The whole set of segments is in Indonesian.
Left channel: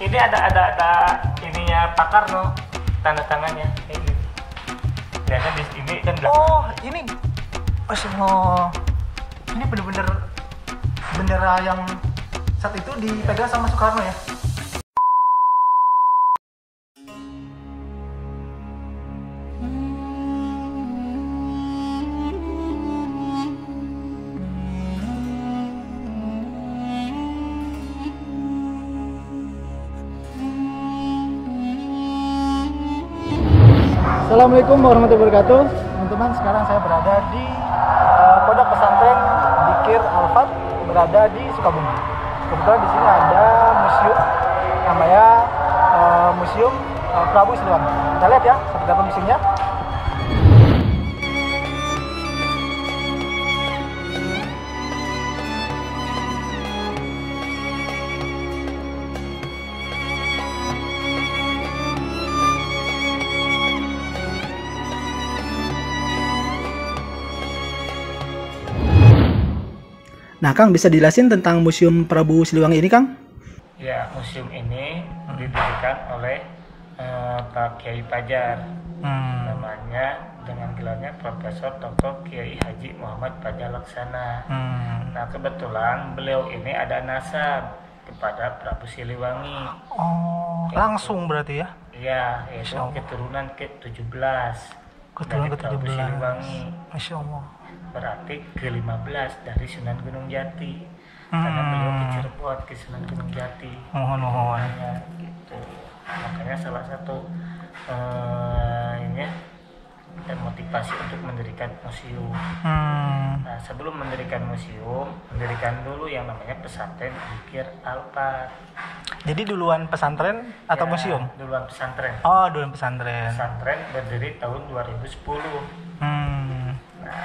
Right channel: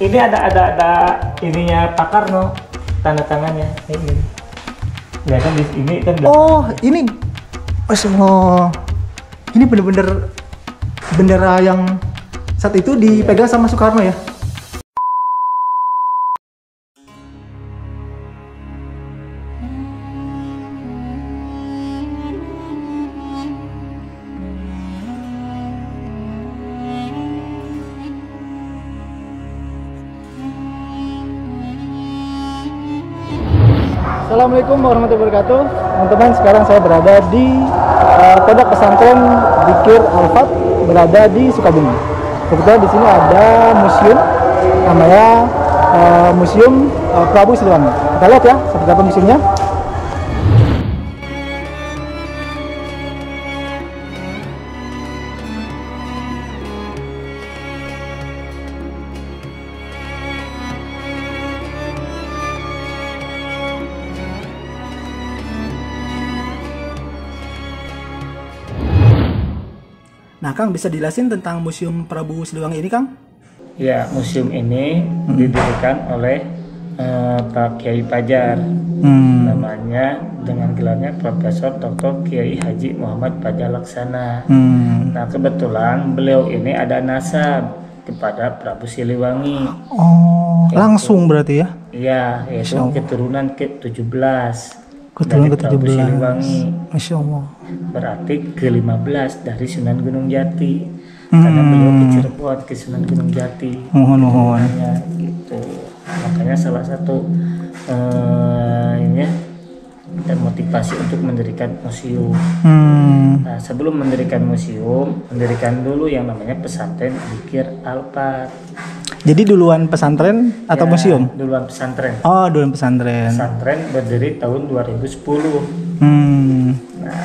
Ini ada ininya Pak Karno, tanda tangannya. Ini. Ya kan di ini kan. Oh, ini. Masya Allah. Ini bener-bener bendera yang saat itu dipegang sama Soekarno ya? Assalamualaikum warahmatullahi wabarakatuh. Teman-teman, sekarang saya berada di Pondok Pesantren Dzikir Al-Fat, berada di Sukabumi. Kebetulan di sini ada museum namanya Museum Prabu Siliwangi. Kita lihat ya seperti apa museumnya. Nah, Kang, bisa dijelasin tentang Museum Prabu Siliwangi ini, Kang? Ya, museum ini didirikan oleh Pak Kiai Pajar. Namanya dengan gelarnya Profesor Dr. Kiai Haji Muhammad Pajar Laksana. Nah, kebetulan beliau ini ada nasab kepada Prabu Siliwangi. Oh, langsung berarti ya? Iya, yaitu keturunan ke-17. Keturunan dari Prabu ke-17. Siliwangi. Masya Allah. Berarti ke-15 dari Sunan Gunung Jati. Karena beliau ke Cirebon, ke Sunan Gunung Jati. Mohon. Gitu. Makanya salah satu ini termotivasi untuk mendirikan museum. Nah, sebelum mendirikan museum, mendirikan dulu yang namanya pesantren Dzikir Al-Fat. Jadi duluan pesantren atau Ya, museum? Duluan pesantren. Oh, duluan pesantren. Pesantren berdiri tahun 2010. Nah,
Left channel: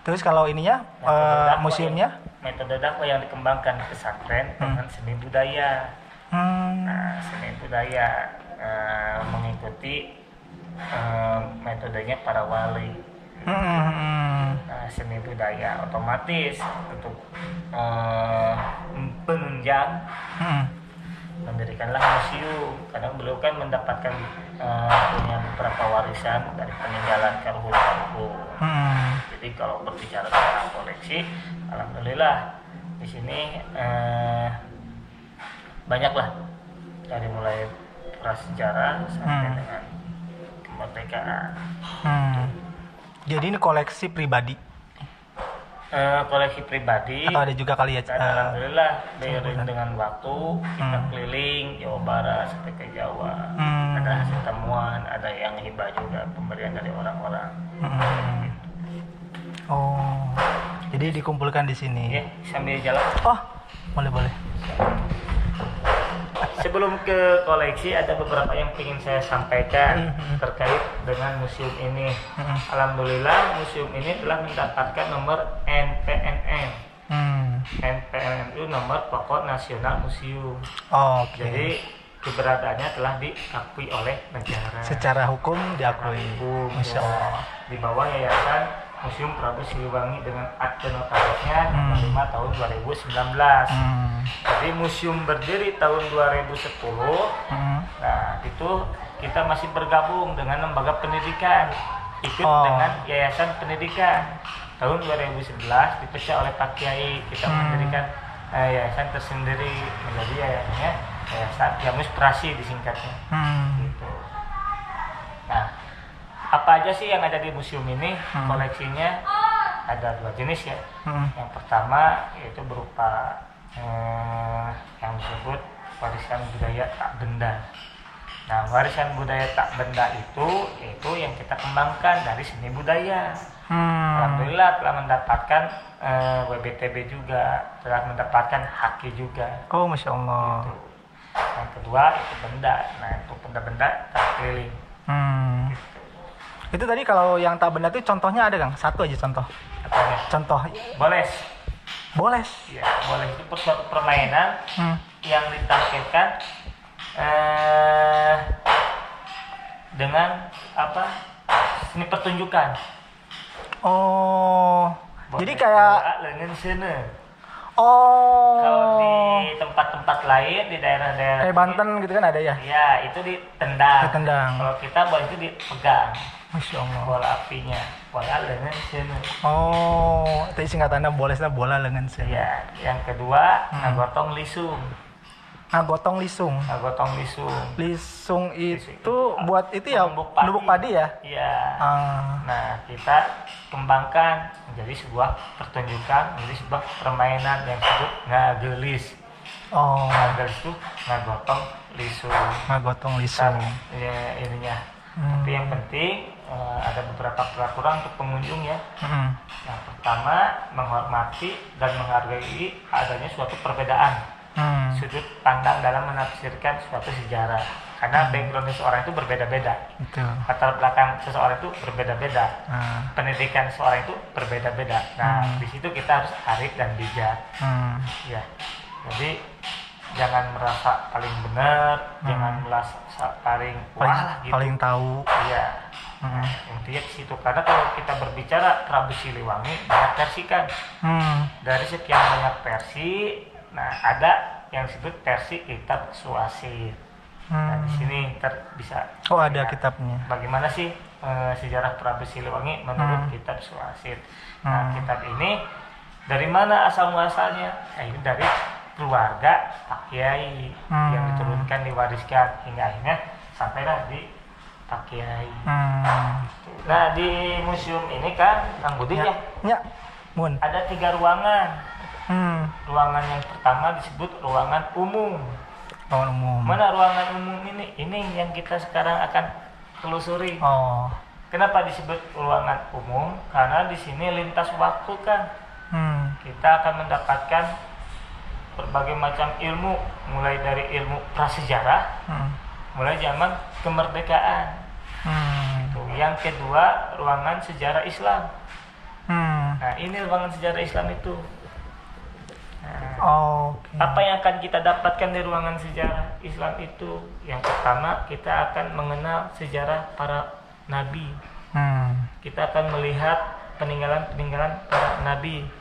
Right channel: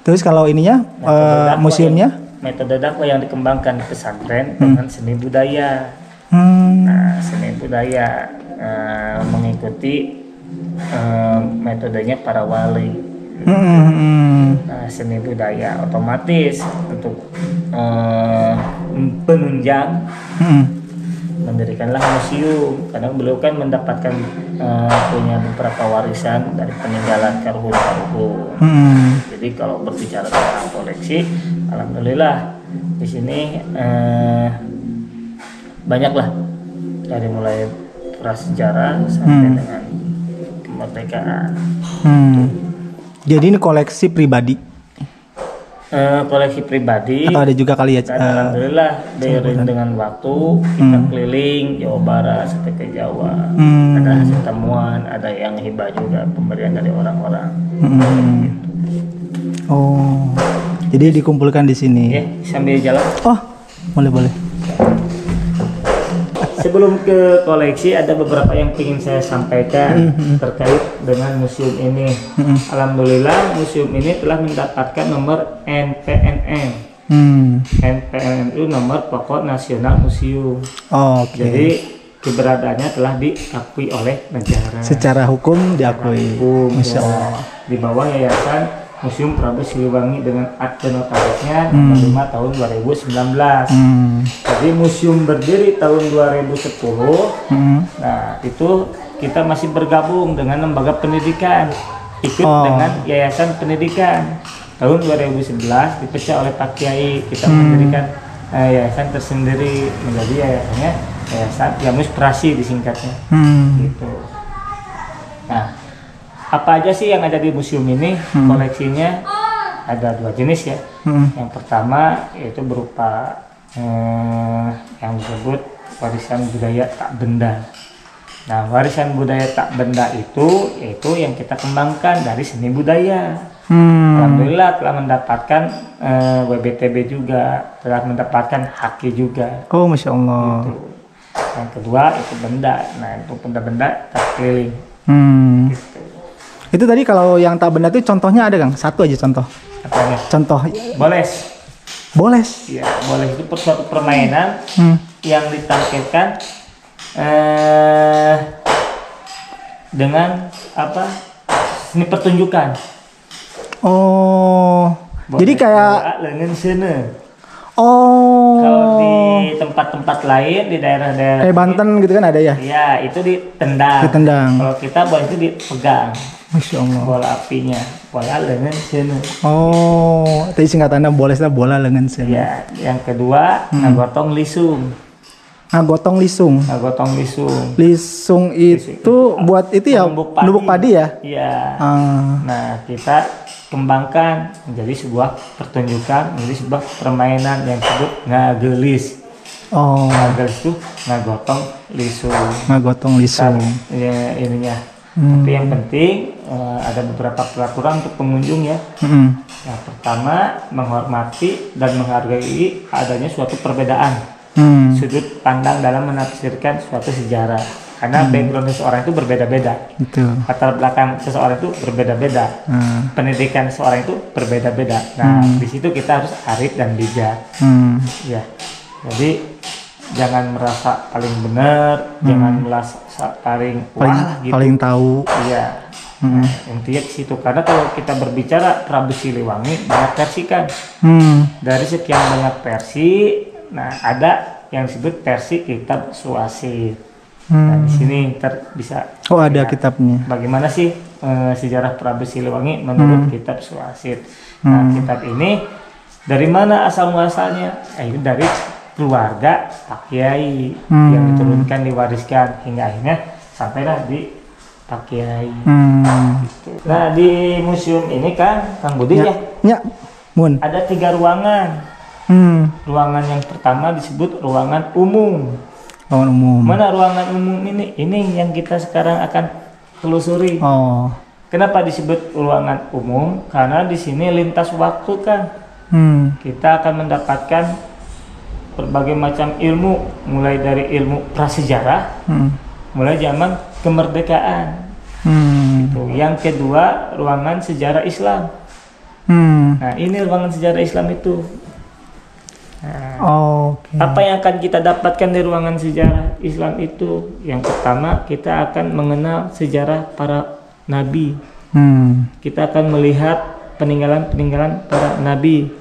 terus kalau ininya museumnya? Metode dakwah yang dikembangkan di pesantren dengan seni budaya. Nah, seni budaya mengikuti metodenya para wali. Nah, seni budaya otomatis untuk penunjang mendirikanlah museum, karena beliau kan mendapatkan punya beberapa warisan dari peninggalan karuhun. Jadi kalau berbicara tentang koleksi, alhamdulillah di sini banyaklah, dari mulai prasejarah sampai dengan kemerdekaan. Jadi ini koleksi pribadi? Koleksi pribadi. Atau ada juga kali ya? Dan alhamdulillah beriring dengan waktu kita keliling Jawa Barat sampai ke Jawa. Ada hasil temuan, ada yang hibah juga, pemberian dari orang-orang. Oh, jadi dikumpulkan di sini. Ya, sambil jalan. Oh, boleh. Sebelum ke koleksi, ada beberapa yang ingin saya sampaikan terkait dengan museum ini. Alhamdulillah museum ini telah mendapatkan nomor NPNM. NPNM itu nomor pokok nasional museum. Jadi keberadaannya telah diakui oleh negara. Secara hukum diakui. Masya Allah. Di bawah Yayasan Museum Prabu Siliwangi dengan akte notarisnya nomor 5 tahun 2019. Jadi museum berdiri tahun 2010. Nah, itu kita masih bergabung dengan lembaga pendidikan, ikut dengan Yayasan Pendidikan. Tahun 2011 dipecah oleh Pak Kiai, kita mendirikan yayasan tersendiri, menjadi yayasannya Yayasan Yamus Prasi disingkatnya. Gitu. Nah, apa aja sih yang ada di museum ini? Koleksinya ada 2 jenis ya. Yang pertama yaitu berupa yang disebut warisan budaya tak benda. Nah, warisan budaya tak benda itu yaitu yang kita kembangkan dari seni budaya. Alhamdulillah telah mendapatkan WBTB juga, telah mendapatkan HAKI juga. Oh, Masya Allah. Gitu. Yang kedua itu benda. Nah, untuk benda-benda terkeliling. Gitu. Itu tadi kalau yang tak benda itu contohnya ada, Kang? Satu aja contoh. Apanya? Contoh. Boles. Ya, boles itu suatu permainan yang ditampilkan dengan apa? Seni pertunjukan. Oh. Boles Jadi kayak lengan sene. Oh. Kalau di tempat-tempat lain di daerah-daerah Banten gitu kan ada ya? iya, itu ditendang. Ditendang. Kalau kita bola itu dipegang. Masya Allah. Bola apinya, bola lengan sini. Oh, tadi singkatannya bola lengan sini. Ya, yang kedua ngagotong lisung. Gotong lisung. Ngagotong lisung. Lisung itu buat itu ya, numbuk padi ya? Iya. Ah. Nah, kita kembangkan menjadi sebuah pertunjukan, menjadi sebuah permainan yang disebut ngagelis. Oh. Ngagelis itu ngagotong lisung. Ngagotong lisung. Ya, ininya. Tapi yang penting ada beberapa peraturan untuk pengunjung ya. Yang pertama, menghormati dan menghargai adanya suatu perbedaan sudut pandang dalam menafsirkan suatu sejarah. Karena background seseorang itu berbeda-beda. Betul. Latar belakang seseorang itu berbeda-beda. Pendidikan seseorang itu berbeda-beda. Nah, di situ kita harus arif dan bijak. Ya. Jadi jangan merasa paling benar, jangan merasa paling wah gitu. Paling tahu. Iya. Nah, intinya ke situ. Karena kalau kita berbicara Prabu Siliwangi banyak versi kan. Dari sekian banyak versi, nah ada yang disebut versi kitab Suasir. Nah, di sini bisa ada ya, kitabnya. Bagaimana sih sejarah Prabu Siliwangi menurut kitab Suasir? Nah, kitab ini dari mana asal muasalnya? Ini dari keluarga Pak Kiai yang diturunkan, diwariskan hingga akhirnya sampailah di Pak Kiai. Gitu. Nah, di museum ini kan Kang Budi ya, Mun. ada 3 ruangan. Ruangan yang pertama disebut ruangan umum. Ruangan umum. Mana ruangan umum ini? Ini yang kita sekarang akan telusuri. Oh. Kenapa disebut ruangan umum? Karena di sini lintas waktu kan. Kita akan mendapatkan berbagai macam ilmu, mulai dari ilmu prasejarah, mulai zaman kemerdekaan. Gitu. Yang kedua, ruangan sejarah Islam. Nah, ini ruangan sejarah Islam itu. Nah, apa yang akan kita dapatkan dari ruangan sejarah Islam itu? Yang pertama, kita akan mengenal sejarah para nabi. Kita akan melihat peninggalan-peninggalan para nabi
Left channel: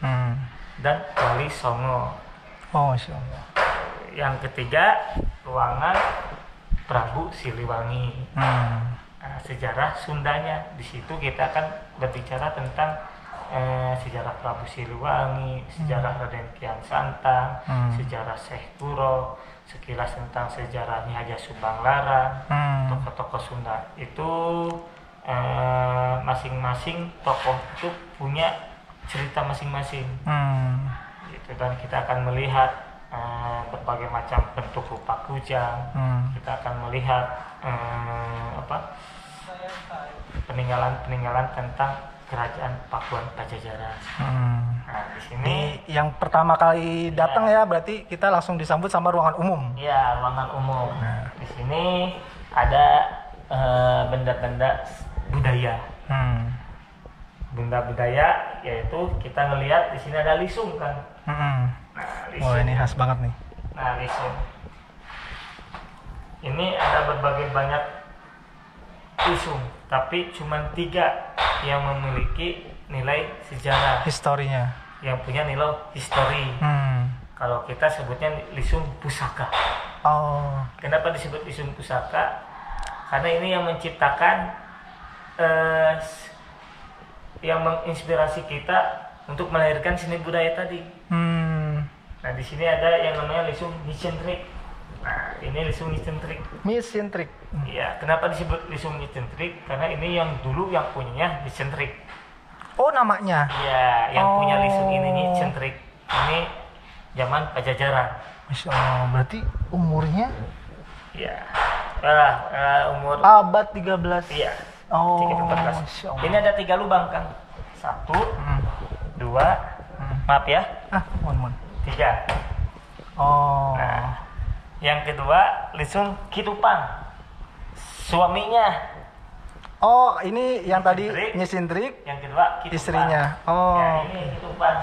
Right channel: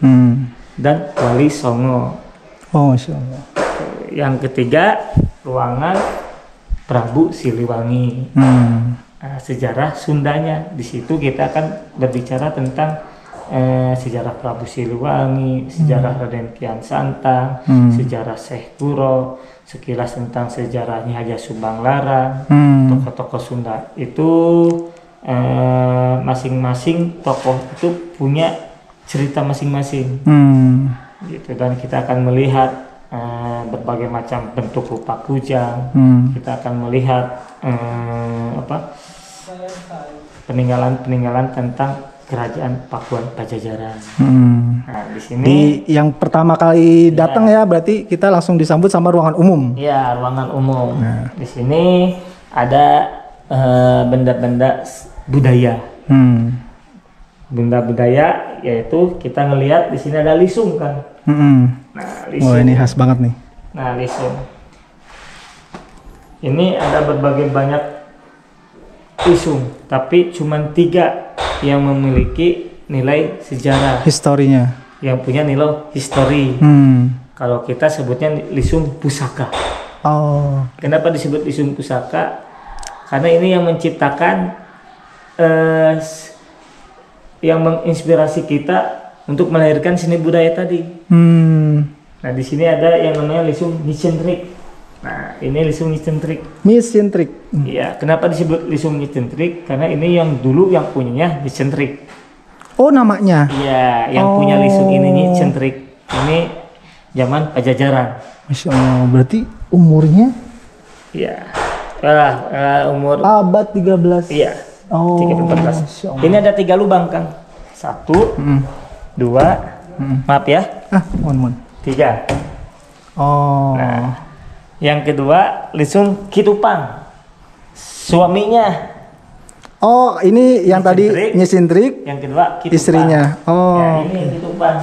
dan wali songo. Masya Allah. Yang ketiga, ruangan Prabu Siliwangi. Nah, sejarah Sundanya. Di situ kita akan berbicara tentang sejarah Prabu Siliwangi, sejarah Raden Kian Santang, sejarah Syekh Kuro, sekilas tentang sejarahnya Haja Subang Larang, tokoh-tokoh Sunda itu masing-masing tokoh itu punya cerita masing-masing. Gitu. Dan kita akan melihat berbagai macam bentuk rupa kujang. Kita akan melihat peninggalan-peninggalan tentang kerajaan Pakuan Pajajaran. Nah, di sini yang pertama kali datang ya, berarti kita langsung disambut sama ruangan umum. Iya, ruangan umum. Di sini ada benda-benda budaya. Benda budaya yaitu kita ngelihat di sini ada lisung kan. Nah, lisung. Wah, ini khas banget nih. Nah, lisung. Ini ada berbagai banyak lisung, tapi cuma 3 yang memiliki nilai sejarah. Historinya. Yang punya nilai histori. Kalau kita sebutnya lisung pusaka. Kenapa disebut lisung pusaka? Karena ini yang menciptakan, yang menginspirasi kita untuk melahirkan seni budaya tadi. Nah, di sini ada yang namanya lisung Nicentrik. Nah, ini lisung Nicentrik. Iya, kenapa disebut lisung Nicentrik? Karena ini yang dulu yang punyanya Nicentrik. Oh, namanya? Iya, yang punya lisung ini Nicentrik. Ini zaman Pajajaran. Masya Allah, berarti umurnya? Iya, umur abad 13. Iya, 13-14. Ini ada 3 lubang, Kang. 1, 2, maaf ya. 3. Nah, yang kedua lisung Kitupang, suaminya. Ini yang tadi Nicentrik. Yang kedua Kitupang, istrinya. Ya, ini Kitupang.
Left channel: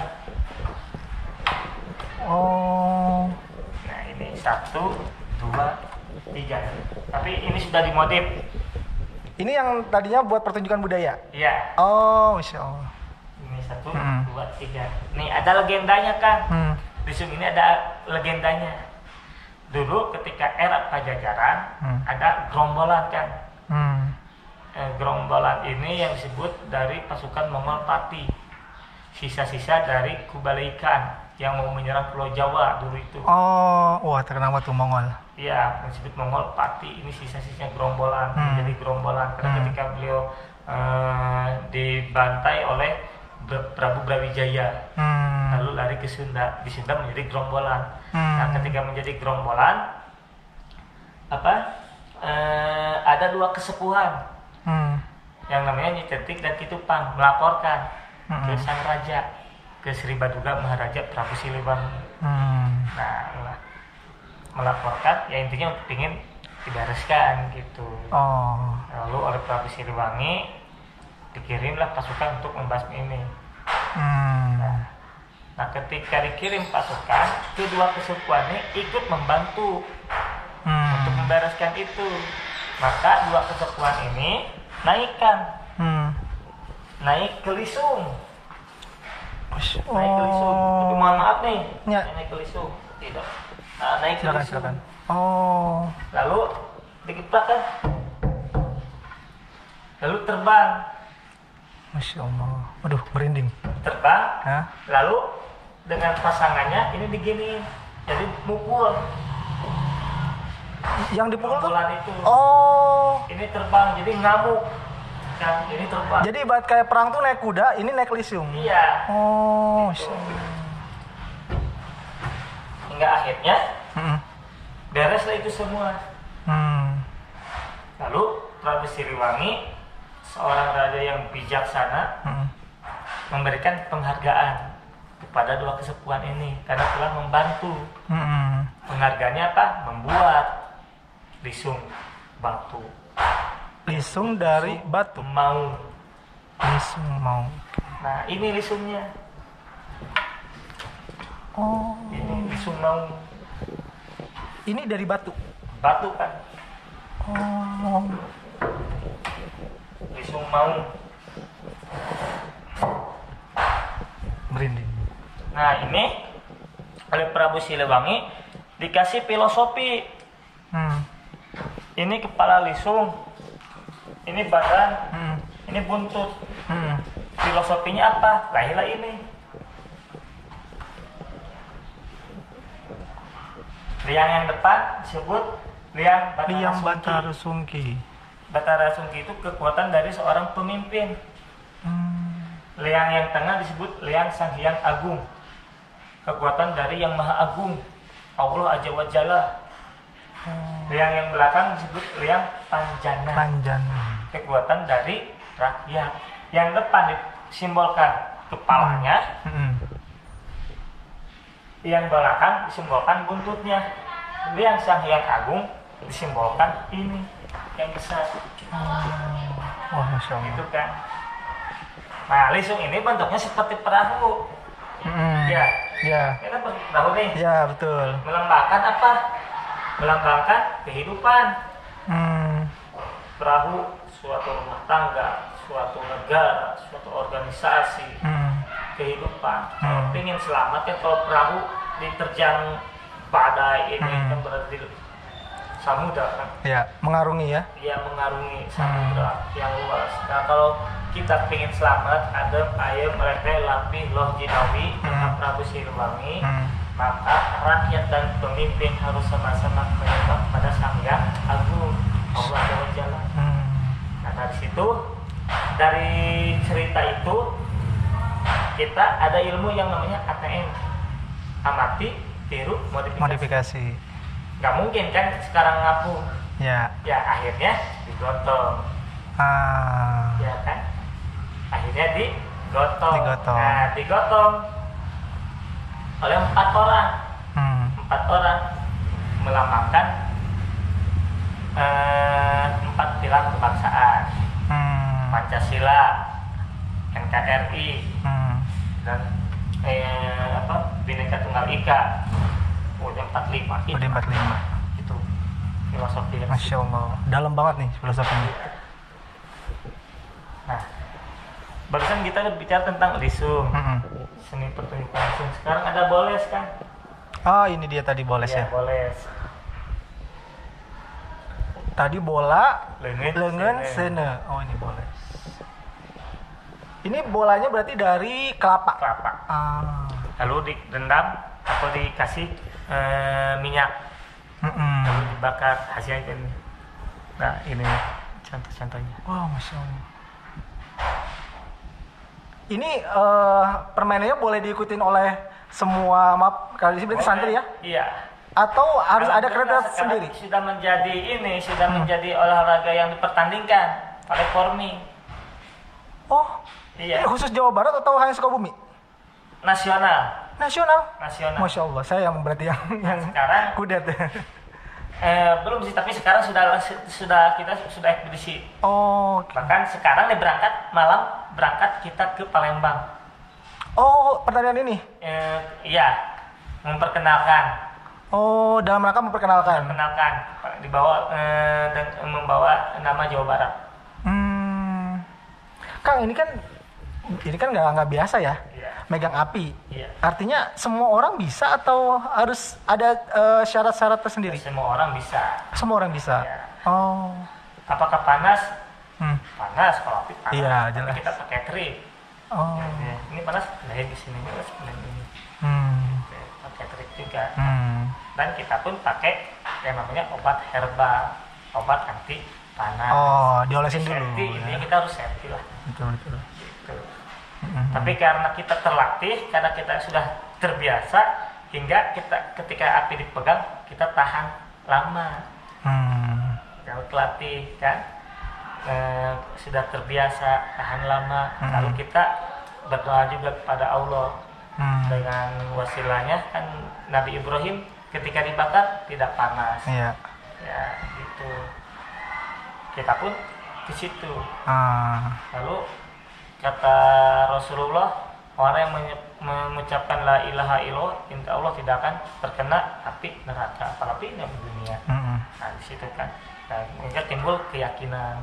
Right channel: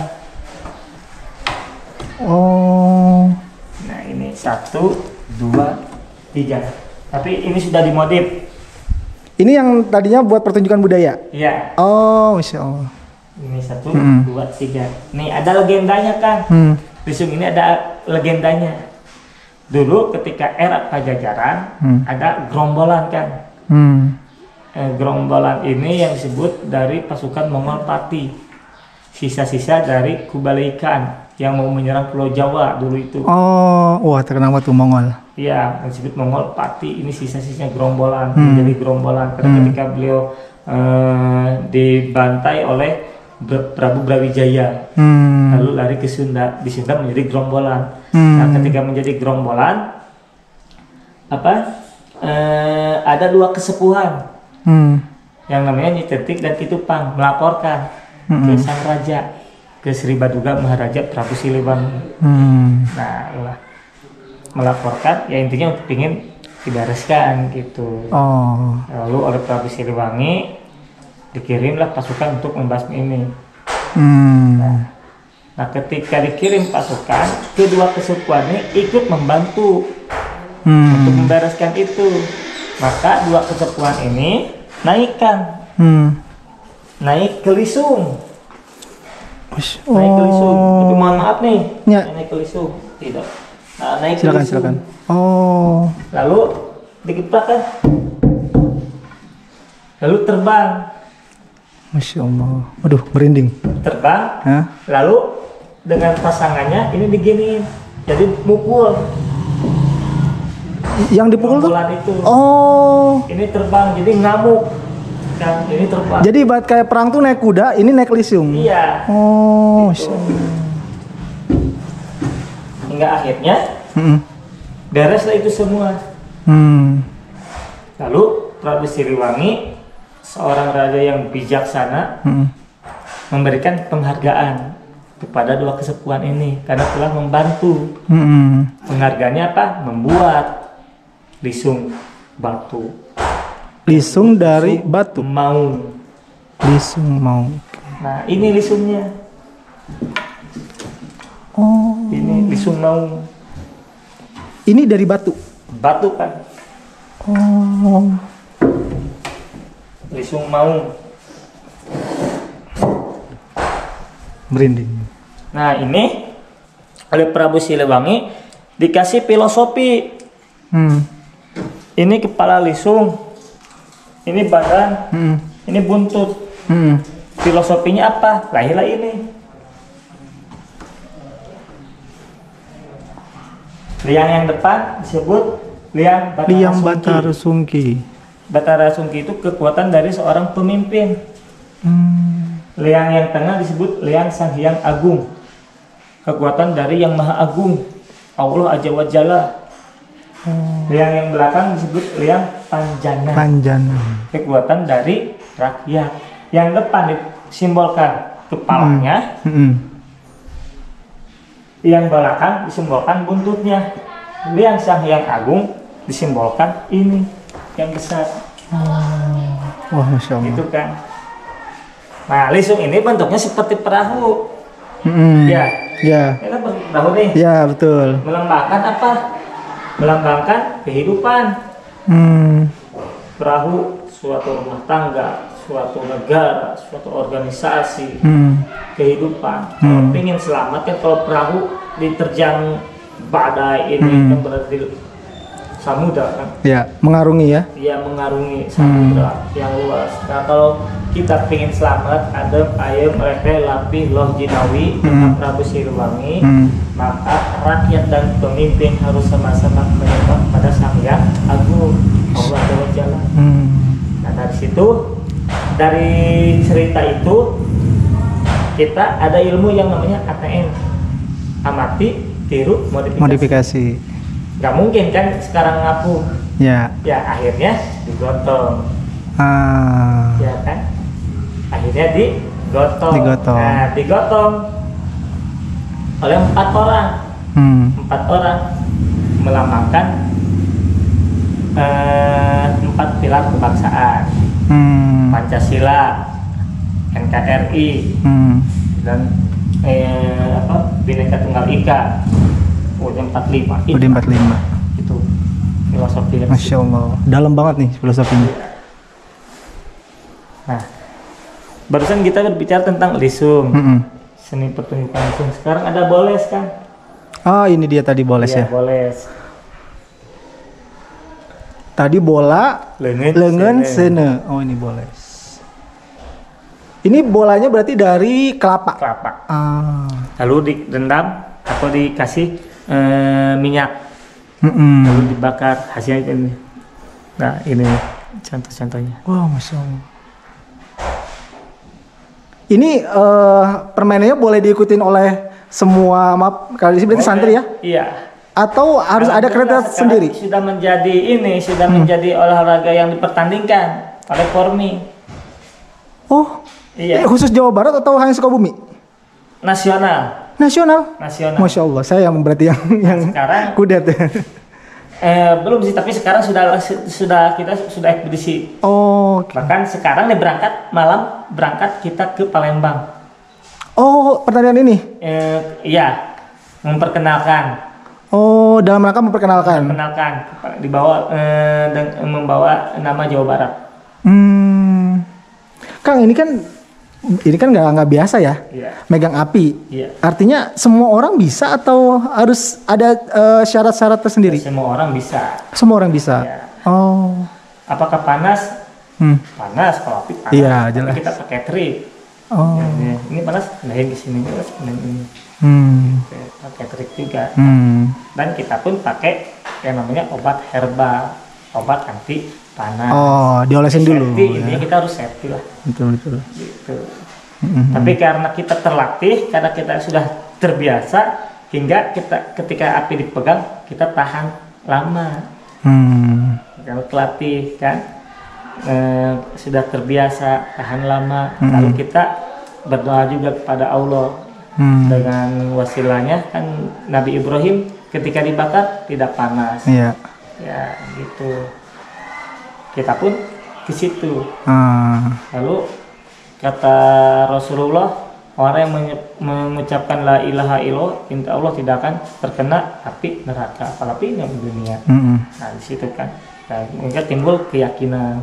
Nah, ini 1, 2, 3. Tapi ini sudah dimodif. Ini yang tadinya buat pertunjukan budaya. Iya. Masya Allah. Ini 1, 2, 3. Nih ada legendanya kan. Lisung ini ada legendanya. Dulu ketika era Pajajaran ada gerombolan kan. Gerombolan ini yang disebut dari pasukan Mongol Pati. Sisa-sisa dari Kublai Khan yang mau menyerang Pulau Jawa dulu itu. Oh, wah terkenal tuh Mongol. Iya, disebut Mongol Pati. Ini sisa-sisa gerombolan, menjadi gerombolan. Karena ketika beliau dibantai oleh Prabu Brawijaya, lalu lari ke Sunda. Di Sunda menjadi gerombolan. Nah, ketika menjadi gerombolan, ada dua kesepuhan yang namanya Nyi Cetik dan Ki Tupang melaporkan ke sang raja, ke Sri Baduga Maharaja Prabu Siliwangi. Nah, melaporkan ya intinya untuk ingin dibereskan gitu. Lalu oleh Prabu Siliwangi dikirimlah pasukan untuk membasmi ini. Nah, ketika dikirim pasukan, kedua kesepuhan ini ikut membantu untuk membereskan itu. Maka dua kesepuhan ini naik ke Lisung. Naik ke Lisung. Tapi mohon maaf nih, naik ke Lisung tidak. Nah, naik ke Lisung. Silakan. Lalu dikeprak kan. Lalu terbang. Masya Allah. Waduh, merinding. Terbang. Lalu dengan pasangannya ini diginiin. Jadi mukul. Yang dipukul tuh? Itu. Ini terbang, jadi ngamuk. Kan, ini terbang. Jadi ibarat kayak perang tuh naik kuda, ini naik Lisung. Iya. Gitu. Hingga akhirnya bereslah itu semua. Lalu Prabu Siliwangi, seorang raja yang bijaksana, memberikan penghargaan kepada dua kesepuhan ini karena telah membantu. Penghargaannya apa? Membuat Lisung batu. Lisung dari batu. Maung. Lisung Maung. Nah, ini lisungnya. Ini Lisung Maung. Ini dari batu. Batu kan. Lisung Maung. Merinding. Nah, ini oleh Prabu Siliwangi dikasih filosofi. Ini kepala lisung, ini badan, ini buntut. Filosofinya apa? Lahirlah ini. Liang yang depan disebut Liang Batara Sungki. Batara Sungki itu kekuatan dari seorang pemimpin. Liang yang tengah disebut Liang Sang Hyang Agung, kekuatan dari Yang Maha Agung, Allah Azza wa Jalla. Liang yang belakang disebut Liang Panjana, kekuatan dari rakyat. Yang depan disimbolkan kepalanya, yang belakang disimbolkan buntutnya. Liang Sang Hyang Agung disimbolkan ini yang besar. Wah, Masya Allah. Gitu kan. Nah, lisung ini bentuknya seperti perahu. Ya. Ini kan perahu nih. Ya, betul. Melambangkan apa? Melambangkan kehidupan. Perahu suatu rumah tangga, suatu negara, suatu organisasi, kehidupan. Kalau ingin selamat kan, kalau perahu diterjang badai ini kan berarti samudra kan. Ya, mengarungi ya. Iya, mengarungi samudra yang luas. Nah, kalau kita ingin selamat, adem, ayem, rehe, lapih, loh, jinawi, dengan Prabu Siliwangi, maka rakyat dan pemimpin harus sama-sama menyembah pada Sang Hyang Agung, Allah Ta'ala. Nah, dari situ, dari cerita itu, kita ada ilmu yang namanya ATM, amati, tiru, modifikasi. Gak mungkin kan sekarang ngapu. Ya, akhirnya digotong. Ya kan? Akhirnya digotong. Nah, digotong oleh 4 orang. 4 orang melambangkan 4 pilar kebangsaan. Pancasila, NKRI, dan Bhinneka Tunggal Ika. UUD 45. UUD 45. Itu filosofi. Masya Allah. Dalam banget nih filosofinya. Nah, barusan kita berbicara tentang lisung, seni pertunjukan lisung. Sekarang ada boles kan? Oh, ini dia tadi boles Iya, ya. boles. Tadi bola, lengan, sene. Oh, ini boles. Ini bolanya berarti dari kelapa. Kelapa. Ah. Lalu direndam atau dikasih minyak. Lalu dibakar, hasilnya ini. Nah, ini contoh-contohnya. Wah, Masya Allah. Ini permainannya boleh diikutin oleh semua, maaf, kalau di sini berarti santri ya? Iya. Atau harus ada kriteria sendiri? Sudah menjadi olahraga yang dipertandingkan oleh Formi. Oh, iya. Khusus Jawa Barat atau hanya Sukabumi? Nasional. Nasional? Masya Allah, saya yang berarti yang sekarang kudet. Belum sih, tapi sekarang kita sudah ekspedisi. Oh. Okay. Bahkan sekarang nih malam berangkat kita ke Palembang. Oh, pertandingan ini? Iya, memperkenalkan. Oh, dalam rangka memperkenalkan. Membawa nama Jawa Barat. Kang, ini kan nggak biasa ya? Iya. Megang api. Iya. Artinya semua orang bisa atau harus ada syarat-syarat tersendiri? Semua orang bisa. Semua orang bisa. Iya. Oh. Apakah panas? Panas, kalau api panas. Iya, jelas. Tapi kita pakai trik. Oh. Ya. Ini panas, pindahin ke sini, pindahin ini. Pakai trik juga. Dan kita pun pakai yang namanya obat herbal, obat anti panas. Oh, diolesin dulu. Intinya kita harus safety lah. Betul. Gitu. Tapi karena kita terlatih, karena kita sudah terbiasa, hingga ketika api dipegang kita tahan lama. Kalau terlatih kan, sudah terbiasa tahan lama. Lalu kita berdoa juga kepada Allah. Dengan wasilahnya kan Nabi Ibrahim ketika dibakar tidak panas. Iya. Ya gitu. Kita pun ke situ. Lalu kata Rasulullah, orang yang mengucapkan la ilaha illallah, insya Allah tidak akan terkena api neraka, apalagi di dunia. Nah di situ kan, mereka timbul keyakinan.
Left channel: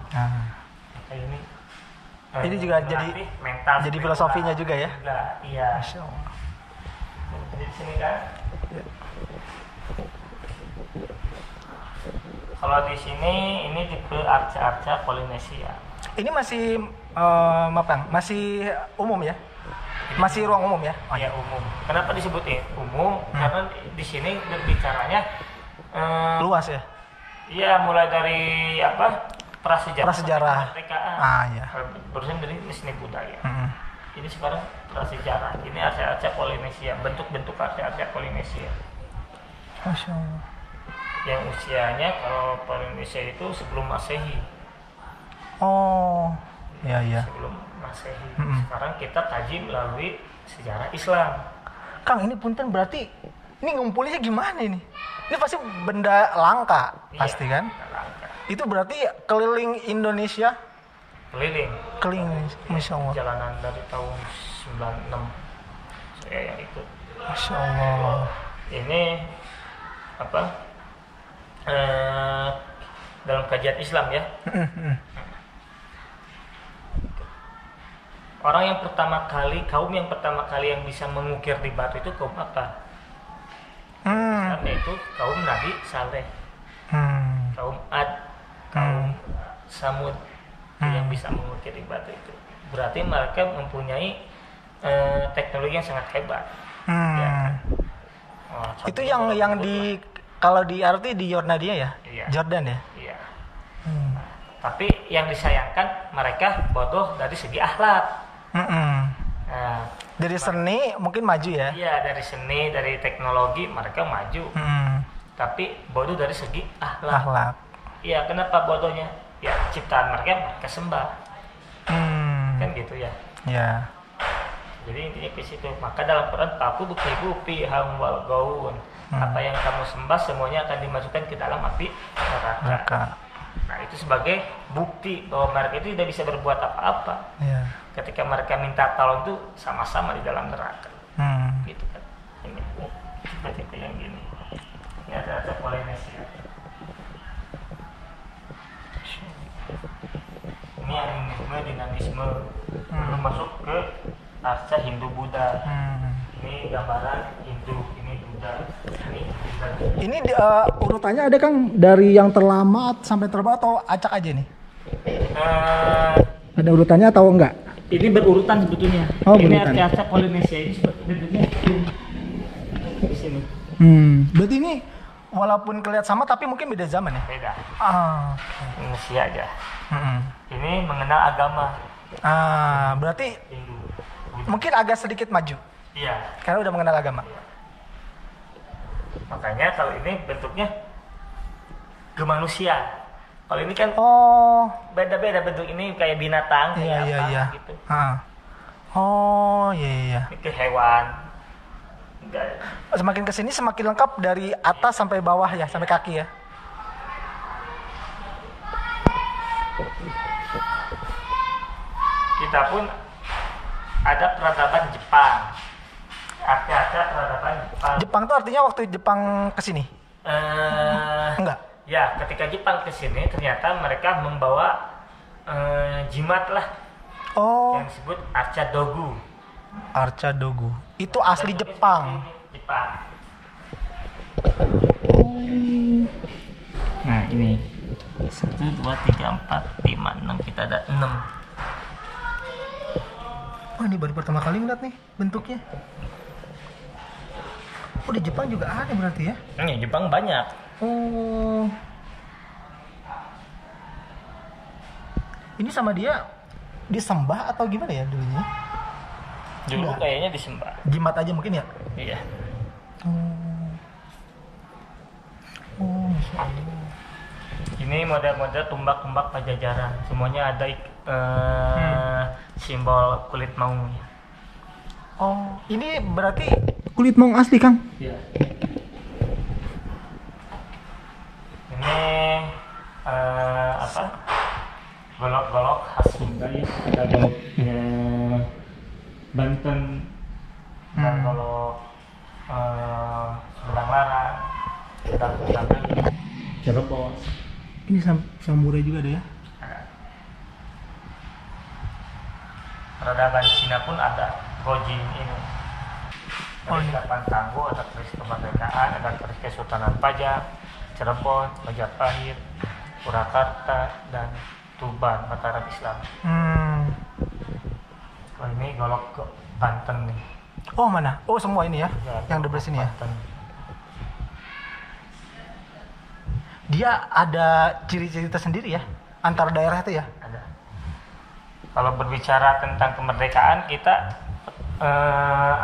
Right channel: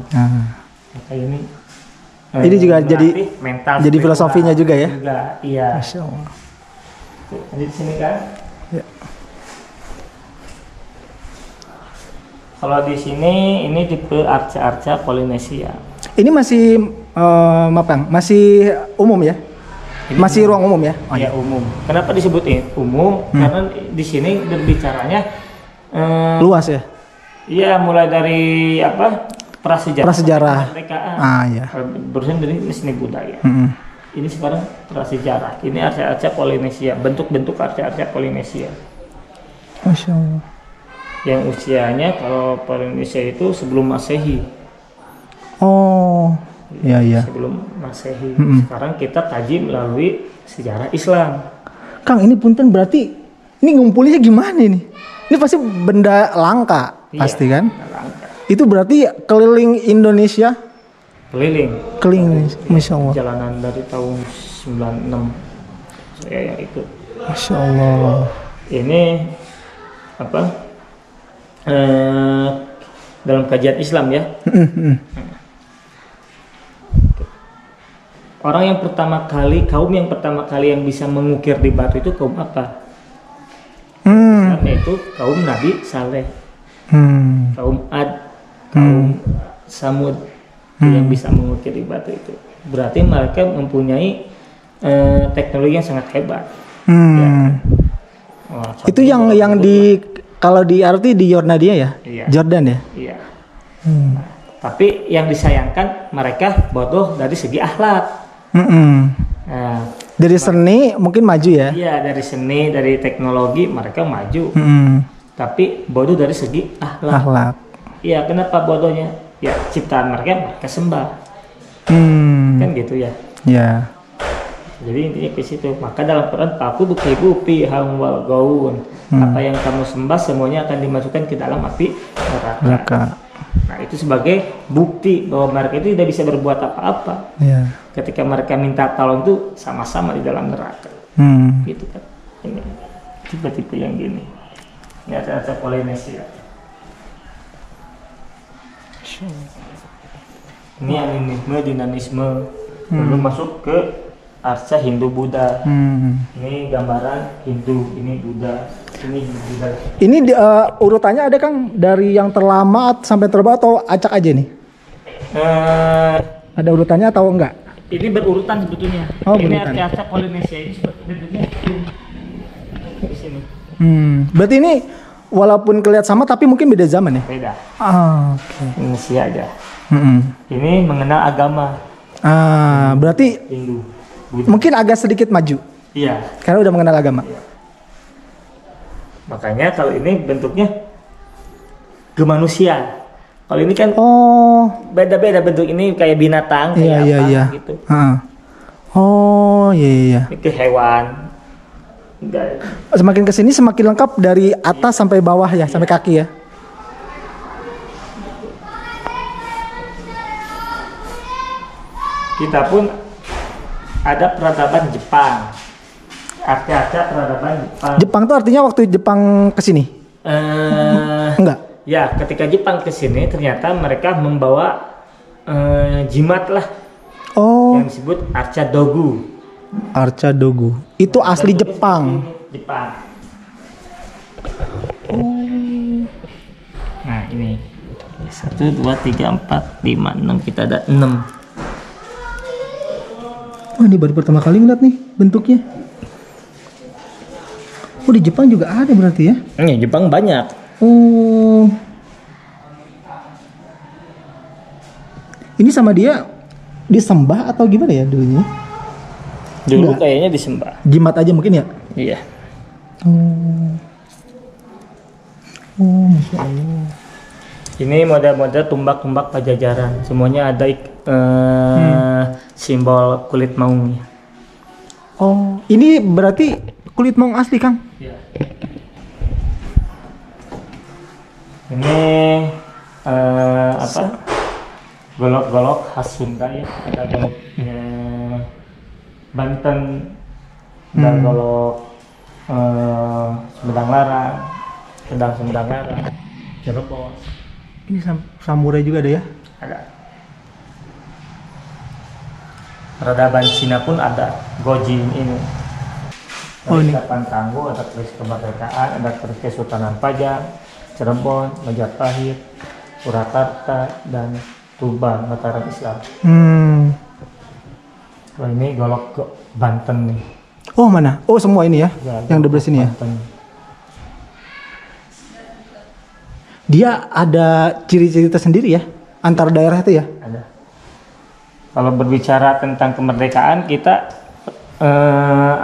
Maka ini juga jadi mental, jadi filosofinya juga ya. Iya. Masya Allah. Di sini kan. Ya. Kalau di sini ini tipe arca-arca Polinesia. Ini masih masih umum ya? Ini masih ruang umum ya? Oh, ya umum. Kenapa disebut umum? Karena di sini berbicaranya luas ya? Iya, mulai dari prasejarah. Iya. Berusaha dari seni budaya. Ini sekarang prasejarah. Ini arca-arca Polinesia, bentuk-bentuk arca-arca Polinesia. Masya Allah. Yang usianya kalau Polinesia itu sebelum Masehi. Oh, iya. Sebelum Masehi. Sekarang kita kaji melalui sejarah Islam. Kang, ini punten berarti ini ngumpulinya gimana ini? Ini pasti benda langka, Iya, pasti kan? langka. Itu berarti keliling Indonesia? Keliling, Masya Allah. Jalanan dari tahun 96 saya yang ikut. Masya Allah. Ini dalam kajian Islam ya. Kaum yang pertama kali yang bisa mengukir di batu itu kaum apa? Yaitu kaum Nabi Saleh, kaum Ad, kaum Samud yang bisa mengukir di batu itu. Berarti mereka mempunyai teknologi yang sangat hebat. Ya. Itu yang di kalau di arti di Yordania ya? Iya. Jordan ya? Iya. Tapi yang disayangkan mereka bodoh dari segi akhlak. Nah, dari seni mungkin maju ya? Iya, dari seni, dari teknologi mereka maju. Tapi bodoh dari segi akhlak. Iya, kenapa bodohnya? Ya, ciptaan mereka sembah. Kan gitu ya? Iya. Jadi intinya ke situ. Maka dalam Quran, aku buki ham wal gaun. Apa yang kamu sembah semuanya akan dimasukkan ke dalam api neraka. Nah, itu sebagai bukti bahwa mereka itu tidak bisa berbuat apa-apa. Yeah. Ketika mereka minta tolong itu sama-sama di dalam neraka. Gitu kan. Ini tipe-tipe yang gini. Ini ada Polinesia. Ini animisme, dinamisme. Belum masuk ke arca Hindu Buddha. Ini gambaran Hindu, ini Buddha, ini Buddha. Ini urutannya ada Kang dari yang terlama sampai terbawah atau acak aja nih? Ada urutannya atau enggak? Ini berurutan sebetulnya. Oh, ini berurutan. arca Polinesia ini bentuknya di sini. Berarti ini walaupun kelihatan sama tapi mungkin beda zaman ya? Beda. Oke. Indonesia aja. Ini mengenal agama Berarti Hindu. Buddha. mungkin agak sedikit maju Iya. karena udah mengenal agama. Iya. Makanya kalau ini bentuknya ke manusia. Kalau ini kan beda-beda bentuk, ini kayak binatang, kayak apa gitu. Oh iya. Ini ke hewan. Enggak. Semakin kesini semakin lengkap dari atas sampai bawah ya, sampai kaki ya. Kita pun ada peradaban Jepang. Arca-arca peradaban Jepang. Jepang tuh artinya waktu Jepang kesini? Enggak. Ya, ketika Jepang kesini ternyata mereka membawa jimat lah. Yang disebut arca dogu. Arca dogu. Itu asli Jepang. Jepang. Nah ini 1, 2, 3, 4, 5, 6, kita ada 6. Oh ini baru pertama kali ngeliat nih bentuknya. Oh di Jepang juga ada berarti ya? Ini Jepang banyak. Oh. Ini sama dia disembah atau gimana ya dulunya? Dulu Enggak. kayaknya disembah. Jimat aja mungkin ya? Iya. Masya Allah. Ini model-model tumbak-tumbak Pajajaran. Semuanya ada simbol kulit maungnya. Oh, ini berarti kulit maung asli, Kang? Iya. Ini apa? Golok-golok khas Sunda ya. Ada golok Banten dan golok Sumedang Larang, Sumedang Larang, Cirebon. Ini samurai juga ada ya? Ada. Peradaban Cina pun ada. Gojin ini. Ini. Kapan Tangguh, ada keris kemerdekaan, ada keris Kesultanan Pajang, Cirebon, Majapahit, Purwakarta, dan Tuban, Mataram Islam. Kalau ini golok Banten nih. Oh mana? Oh semua ini ya? Yang di sini ya? Banten. Dia ada ciri-ciri tersendiri ya? Antar daerah itu ya? Ada. Kalau berbicara tentang kemerdekaan, kita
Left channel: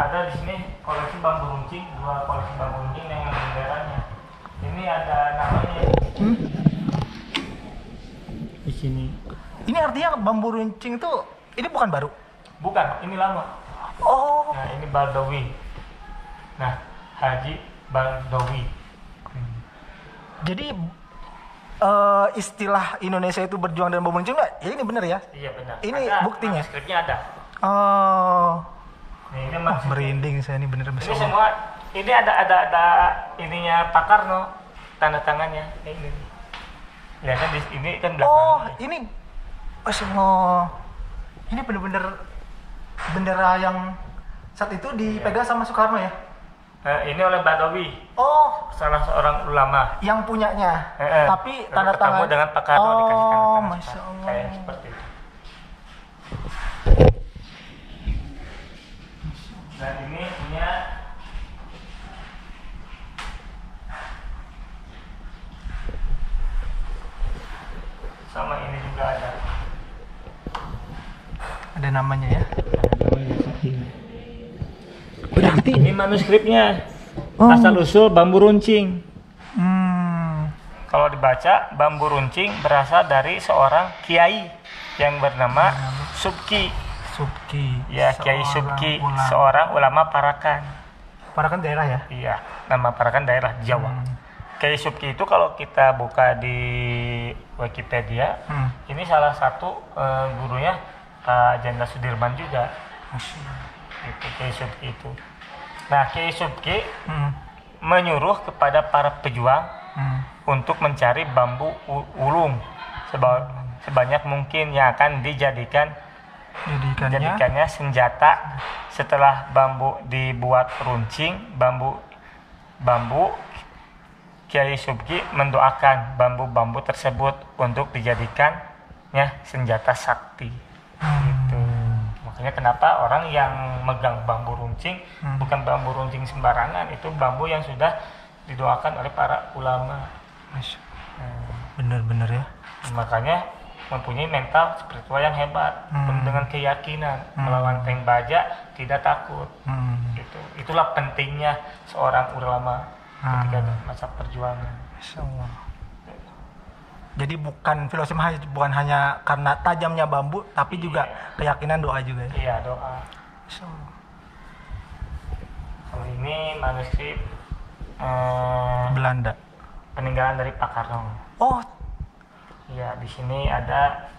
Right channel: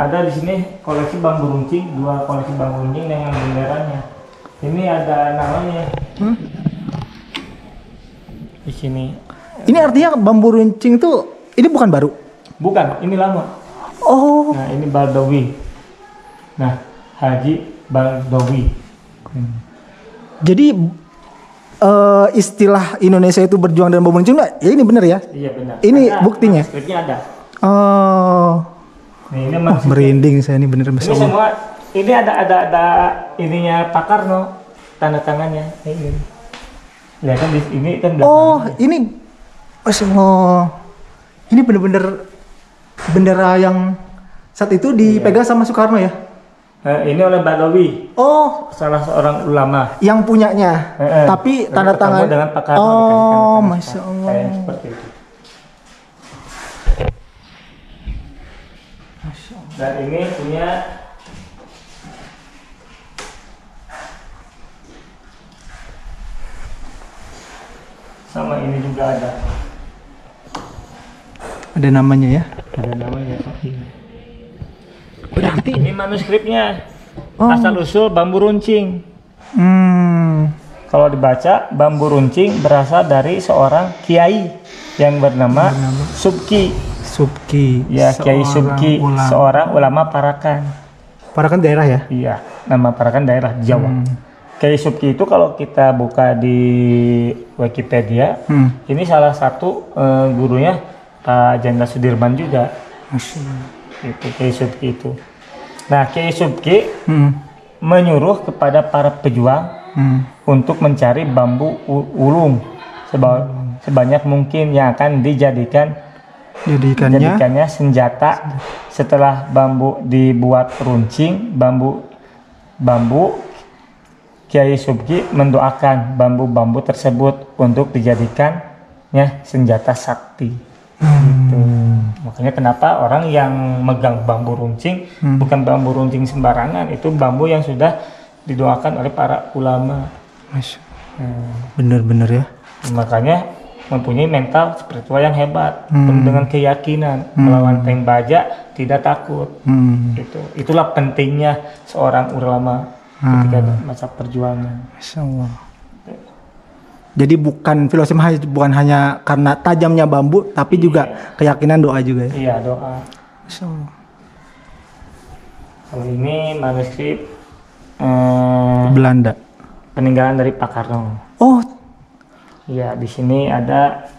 ada di sini koleksi bambu runcing, 2 koleksi bambu runcing dengan benderanya. Ini ada namanya. Di sini. Ini artinya bambu runcing itu ini bukan baru? Bukan, ini lama. Oh. Nah, ini Baldowi. Nah, Haji Baldowi. Jadi istilah Indonesia itu berjuang dan bambu runcing, ya ini benar ya? Iya benar. Ini ada, buktinya. Manuskripnya ada. Nah, ini merinding saya ini bener. Ini semua ini ada ininya Pak Karno, tanda tangannya. Ini. Lihat kan di ini kan ini ini bener-bener bendera yang saat itu dipegang sama Soekarno ya? Ini oleh Baldowi. Oh, salah seorang ulama yang punyanya. Tapi tanda tangan dengan Pak Karno oh, Masya Allah. Kayak seperti itu. Dan ini punya sama ini juga ada. Ada namanya ya? Ada namanya. Berarti Ini manuskripnya. Asal usul bambu runcing. Kalau dibaca, bambu runcing berasal dari seorang kiai yang bernama Subki. Ya, Kiai Subki, seorang ulama Parakan. Parakan daerah ya? Iya, nama Parakan daerah di Jawa. Kiai Subki itu kalau kita buka di Wikipedia, ini salah satu gurunya Pak Jenderal Sudirman juga. Itu Kiai Subki itu. Nah, Kiai Subki menyuruh kepada para pejuang untuk mencari bambu ulung sebanyak mungkin yang akan dijadikan Jadikannya senjata. Setelah bambu dibuat runcing, bambu Kiai Subki mendoakan bambu-bambu tersebut untuk dijadikannya senjata sakti. Gitu. Makanya kenapa orang yang megang bambu runcing bukan bambu runcing sembarangan, itu bambu yang sudah didoakan oleh para ulama. Bener-bener ya. Makanya mempunyai mental spiritual yang hebat, dengan keyakinan melawan tank baja tidak takut. Gitu. Itulah pentingnya seorang ulama ketika masa perjuangan. Masya Allah. Jadi bukan filosofi, bukan hanya karena tajamnya bambu, tapi juga keyakinan, doa juga ya. Iya, doa. Masya Allah. Kalau ini manuskrip Belanda. Peninggalan dari Pak Karno. Oh, Iya, di sini ada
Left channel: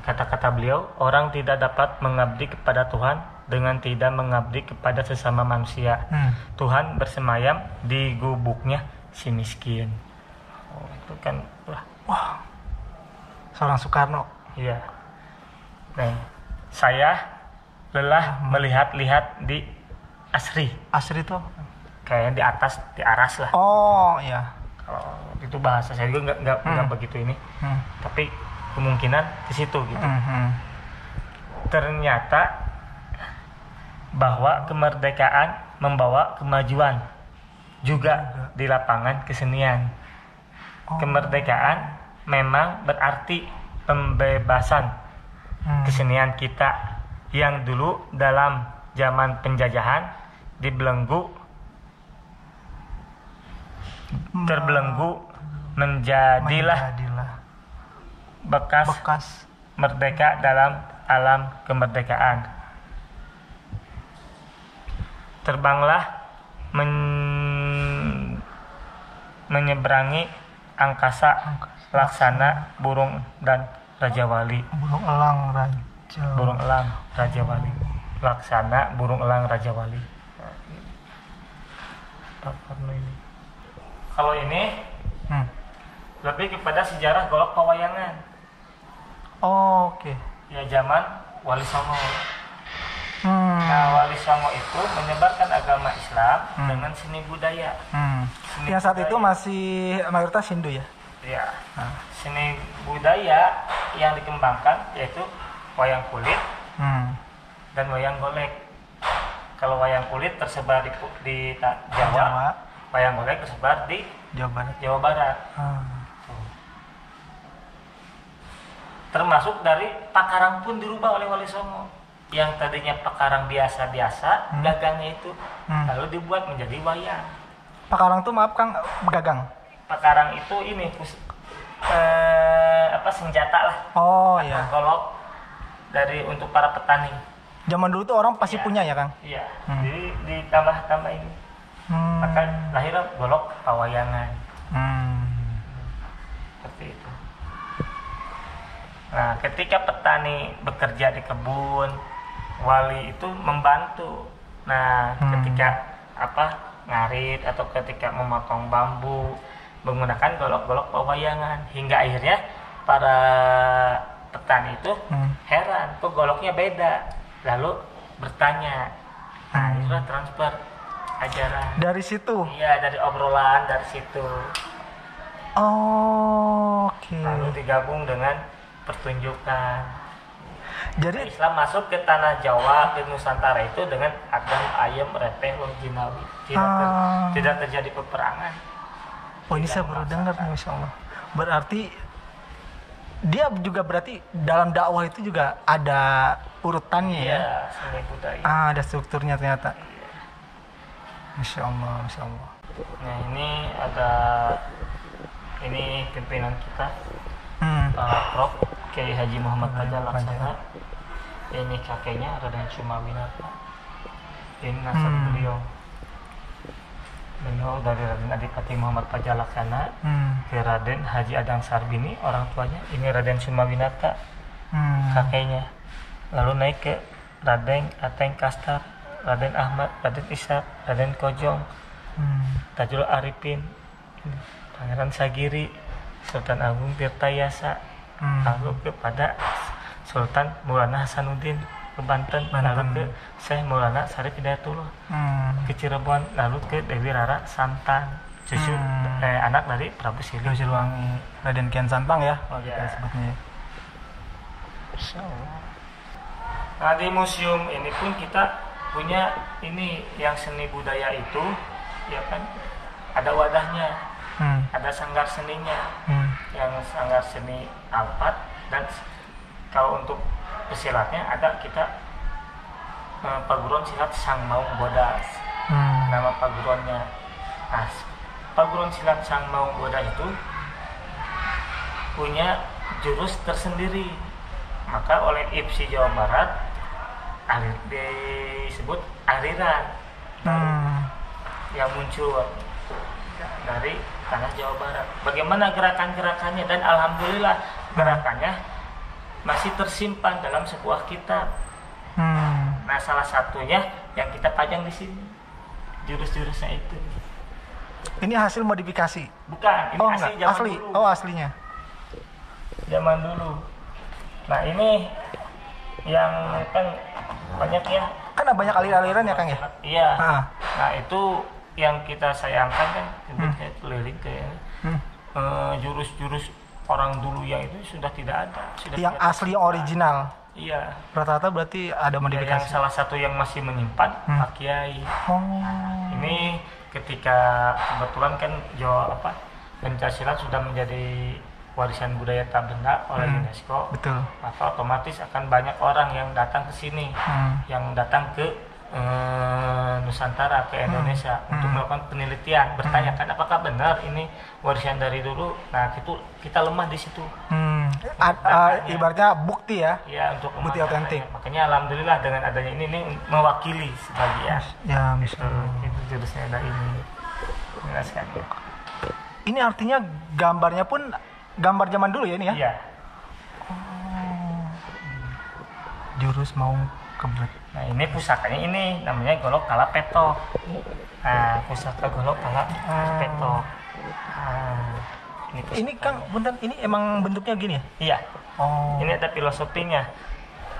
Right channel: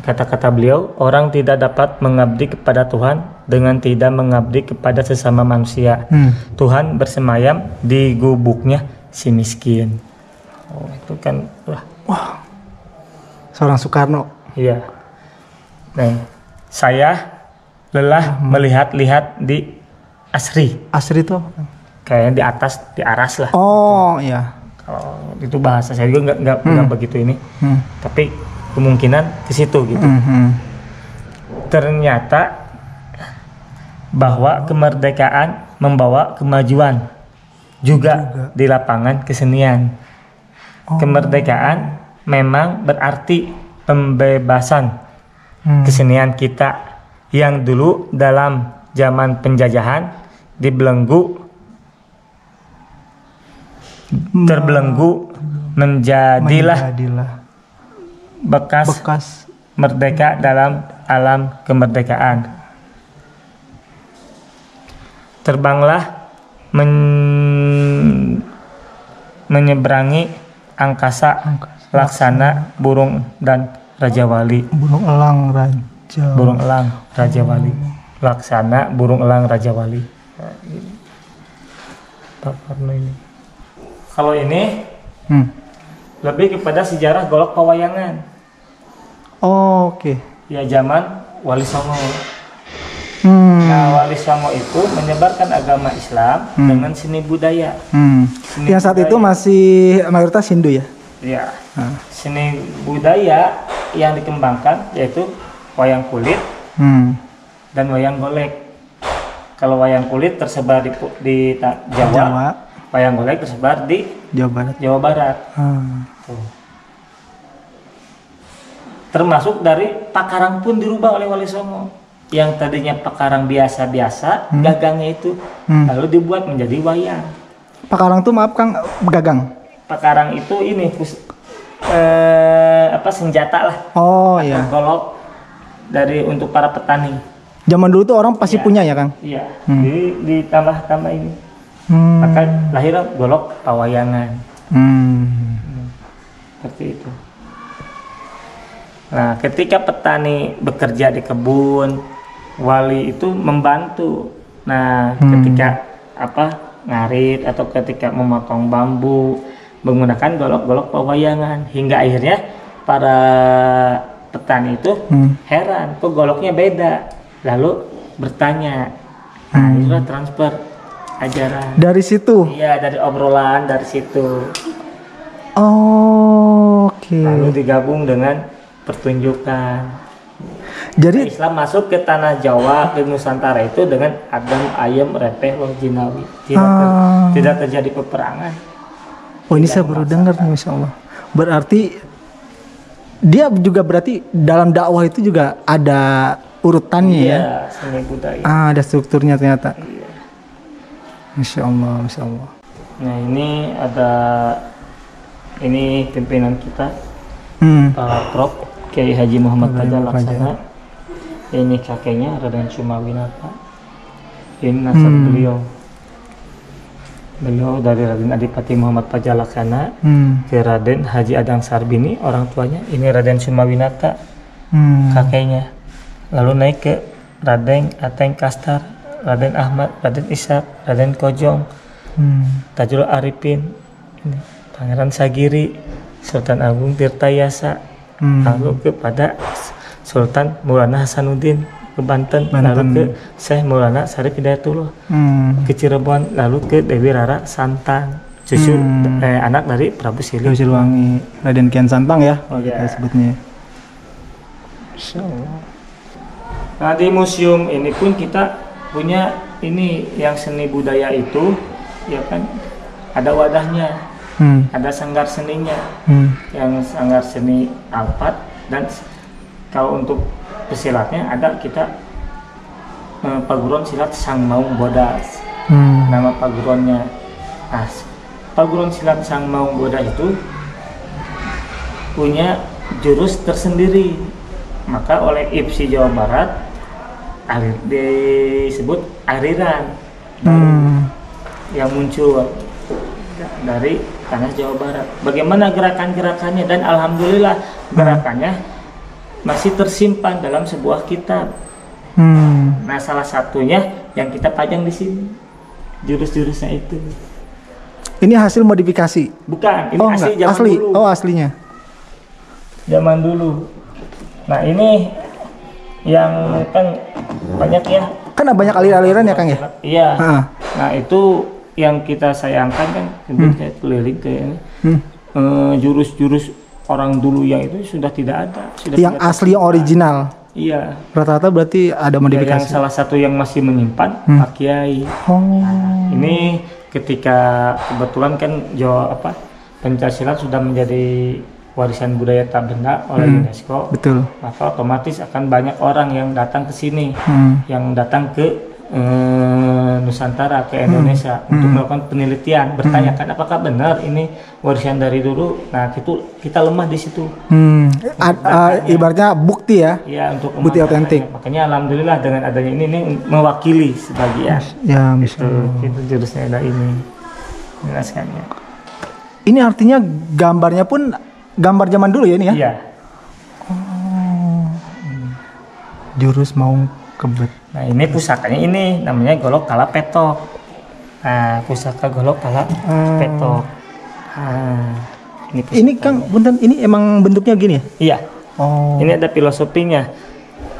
kata-kata beliau, orang tidak dapat mengabdi kepada Tuhan dengan tidak mengabdi kepada sesama manusia. Tuhan bersemayam di gubuknya si miskin. Oh, itu kan wah, seorang Soekarno. Iya. Nah, saya lelah melihat-lihat di asri. Asri itu Kayaknya di atas, di aras lah. oh iya. Kalau itu bahasa saya juga nggak begitu ini. Tapi kemungkinan ke situ gitu. Ternyata bahwa kemerdekaan membawa kemajuan juga di lapangan kesenian. Kemerdekaan memang berarti pembebasan kesenian kita yang dulu dalam zaman penjajahan dibelenggu, terbelenggu menjadilah bekas merdeka dalam alam kemerdekaan. Terbanglah menyeberangi angkasa laksana burung dan Raja Wali. Burung elang Raja Wali. Laksana burung elang Raja Wali. Kalau ini lebih kepada sejarah golok pewayangan. Oh, oke. Ya, zaman Wali Songo. Nah, Wali Songo itu menyebarkan agama Islam dengan seni budaya. Yang saat itu masih mayoritas Hindu ya? Iya. Seni budaya yang dikembangkan yaitu wayang kulit dan wayang golek. Kalau wayang kulit tersebar di Jawa, wayang golek tersebar di Jawa Barat. Tuh. Termasuk dari pakarang pun dirubah oleh Wali Songo. Yang tadinya pakarang biasa-biasa, gagangnya itu lalu dibuat menjadi wayang. Pakarang tuh maaf Kang, gagang. Pakarang itu ini senjata lah. Oh iya. Golok dari untuk para petani. Zaman dulu tuh orang pasti punya ya Kang? Iya. Jadi ditambah ini. Maka lahirlah golok pawayangan. Seperti itu. Nah, ketika petani bekerja di kebun, wali itu membantu. Nah, ketika ngarit atau ketika memotong bambu menggunakan golok-golok pewayangan, hingga akhirnya para petani itu heran, kok goloknya beda. Lalu bertanya. Nah, itulah transfer ajaran. Dari situ? Iya, dari obrolan dari situ. Oh, oke. Lalu digabung dengan pertunjukan. Jadi Islam masuk ke tanah Jawa, ke Nusantara itu dengan adem, ayem, repeh, jinawi. Tidak terjadi peperangan. Oh, ini saya baru dengar nih, Masya Allah. Berarti dia juga berarti dalam dakwah itu juga ada urutannya ya? Iya, seni budaya. Ada strukturnya ternyata. Iya. Masya Allah, Masya Allah. Nah, ini pimpinan kita, Pak Prof. Kiai Haji Muhammad Fajar Laksana. Ini kakeknya Raden Sumawinata. Ini nasab beliau dari Raden Adipati Muhammad Fajar Laksana ke Raden Haji Adang Sarbini, orang tuanya. Ini Raden Sumawinata, kakeknya. Lalu naik ke Raden Ateng Kastar, Raden Ahmad, Raden Ishak, Raden Kojong, Tajul Arifin, Pangeran Sagiri, Sultan Agung Tirtayasa, lalu kepada Sultan Maulana Hasanuddin ke Banten, Banten. lalu ke Syekh Maulana Syarif Hidayatullah ke Cirebon, lalu ke Dewi Rara Santang, cucu anak dari Prabu Siliwangi, Raden Kian Santang ya kalau Iya. kita sebutnya. Nah di museum ini pun kita punya ini yang seni budaya itu, ya kan ada wadahnya, ada sanggar seninya, yang sanggar seni Alphard, dan kalau untuk pesilatnya ada kita perguruan silat Sang Maung Bodas, nama perguruannya. Nah, perguruan silat Sang Maung Bodas itu punya jurus tersendiri, maka oleh IPSI Jawa Barat disebut aliran yang muncul dari tanah Jawa Barat. Bagaimana gerakan-gerakannya, dan alhamdulillah gerakannya masih tersimpan dalam sebuah kitab. Nah salah satunya yang kita pajang di sini jurus-jurusnya itu. Ini hasil modifikasi? Bukan, ini Oh, asli zaman asli. dulu. Oh, aslinya. Zaman dulu. Nah ini yang kan banyak ya. Kan banyak aliran-aliran ya Kang ya? Iya. Heeh. Nah itu yang kita sayangkan kan, kemudian kayak keliling ke ini, jurus-jurus orang dulu yang itu sudah tidak ada. Sudah Yang tidak asli, yang original. Iya. Rata-rata berarti ada Ya, modifikasi. yang salah satu yang masih menyimpan Pak Kiai. Oh. Ini ketika kebetulan kan Jawa pencaksilat sudah menjadi warisan budaya tak benda oleh UNESCO. Betul. Maka otomatis akan banyak orang yang datang ke sini, yang datang ke Nusantara, ke Indonesia untuk melakukan penelitian, bertanyakan apakah benar ini warisan dari dulu. Nah, kita lemah di situ. Ibaratnya bukti ya. Ya, untuk Bukti memaknai. otentik. Makanya alhamdulillah dengan adanya ini mewakili sebagian. Ya, Itu jurusnya ada ini. Jelaskannya. Ini artinya gambarnya pun gambar zaman dulu ya ini ya? Iya. Jurus Maung Kebet. Nah, ini pusakanya ini namanya golok kala petok. Nah, pusaka golok kala petok. Nah, Ini Kang, punten, ini emang bentuknya gini ya? Iya. Oh. Ini ada filosofinya.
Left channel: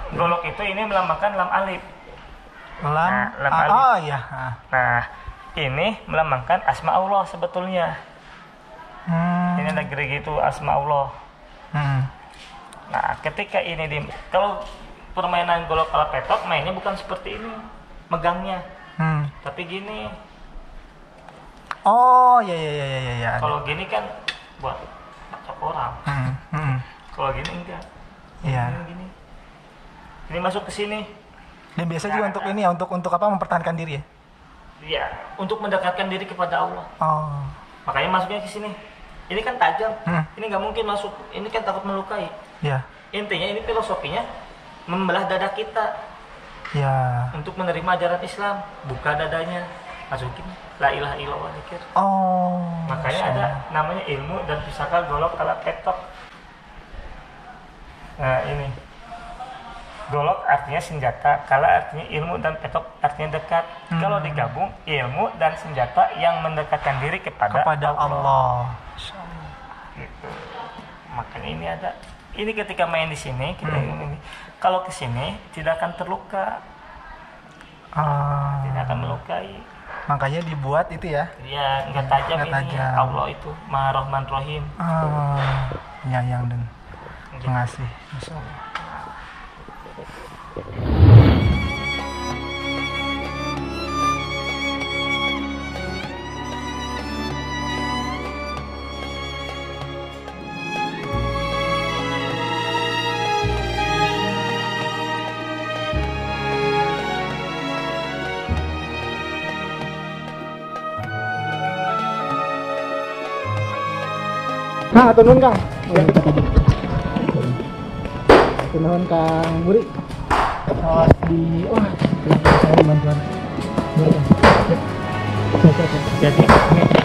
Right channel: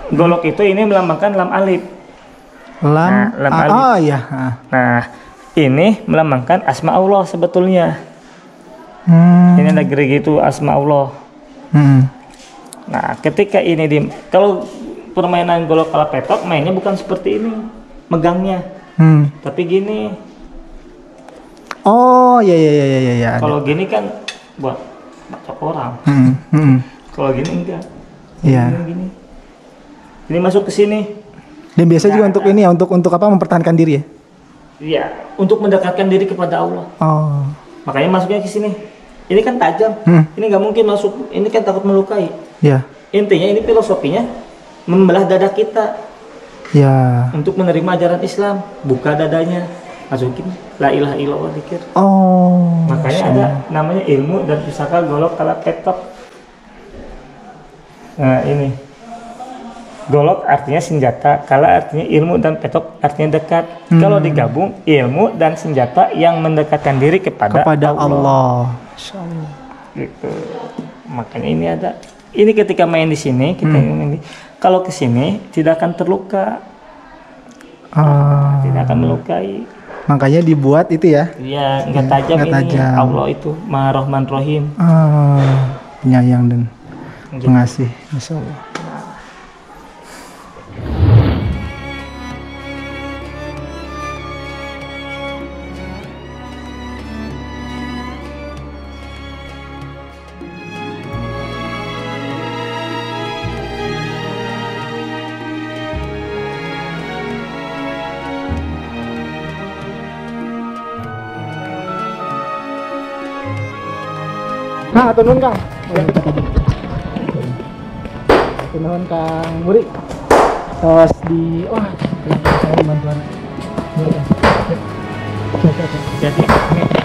Golok itu ini melambangkan lam alif. Lam. Nah, lam alif. Oh iya. Nah, ini melambangkan asma Allah sebetulnya. Ini ada gerigi itu asma Allah. Nah, ketika ini kalau permainan golok kala petok mainnya bukan seperti ini, megangnya. Tapi gini. Oh iya. Kalau gini kan buat baca orang. Kalau gini enggak. Iya. Gini. Ini masuk ke sini. Dan biasa juga untuk ini ya, untuk apa, mempertahankan diri ya? Iya, untuk mendekatkan diri kepada Allah. Oh. Makanya masuknya ke sini. Ini kan tajam. Ini nggak mungkin masuk. Ini kan takut melukai. Ya. Intinya ini filosofinya membelah dada kita Ya. untuk menerima ajaran Islam. Buka dadanya, masukin la ilaha illallah, dzikir. Oh. Makanya ada namanya ilmu dan pusaka golok kala petok. Nah ini golok artinya senjata, kala artinya ilmu, dan petok artinya dekat. Kalau digabung, ilmu dan senjata yang mendekatkan diri kepada Allah. Gitu. Makanya ini ada. Ini ketika main di sini, kita ini kalau ke sini tidak akan terluka. Tidak akan melukai. Makanya dibuat itu ya. Iya, nggak tajam nggak ini. tajam. Allah itu Maha Rahman Rahim. Penyayang dan pengasih. Masya Allah. Nah, turun Kang. Turun Kang Muri. Terus di saya bantuan. Hati-hati.